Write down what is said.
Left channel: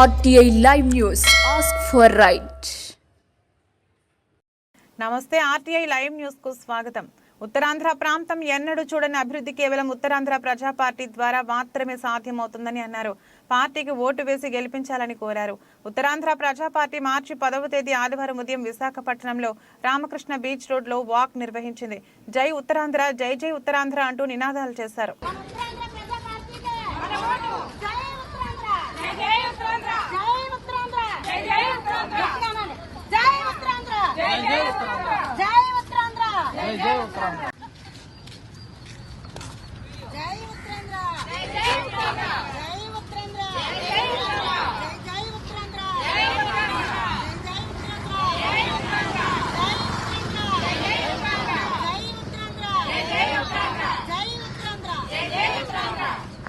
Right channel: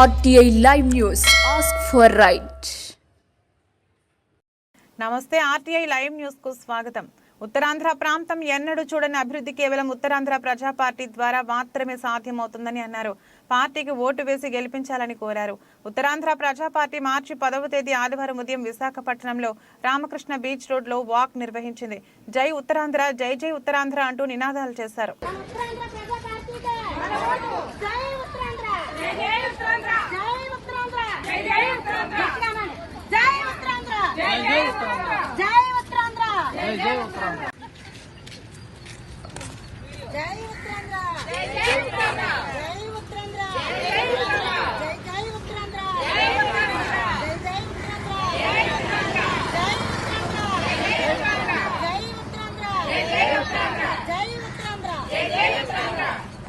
RTI Live News. Ask for right. నమస్తే RTI live news కు స్వాగతం. ఉత్తరాంధ్ర ప్రాంతం ఎన్నడూ చూడని అభివృద్ధి కేవలం ఉత్తరాంధ్ర ప్రజా పార్టీ ద్వారా మాత్రమే సాధ్యమవుతుందని అన్నారు. పార్టీకి ఓటు వేసి గెలిపించాలని కోరారు. ఉత్తరాంధ్ర ప్రజా పార్టీ మార్చి 10వ తేదీ ఆదివారం ఉదయం విశాఖపట్నంలో రామకృష్ణ బీచ్ రోడ్ లో వాక్ నిర్వహించింది. జై ఉత్తరాంధ్ర, జై జై ఉత్తరాంధ్ర అంటూ నినాదాలు చేశారు. జై ఉత్తరాంధ్ర.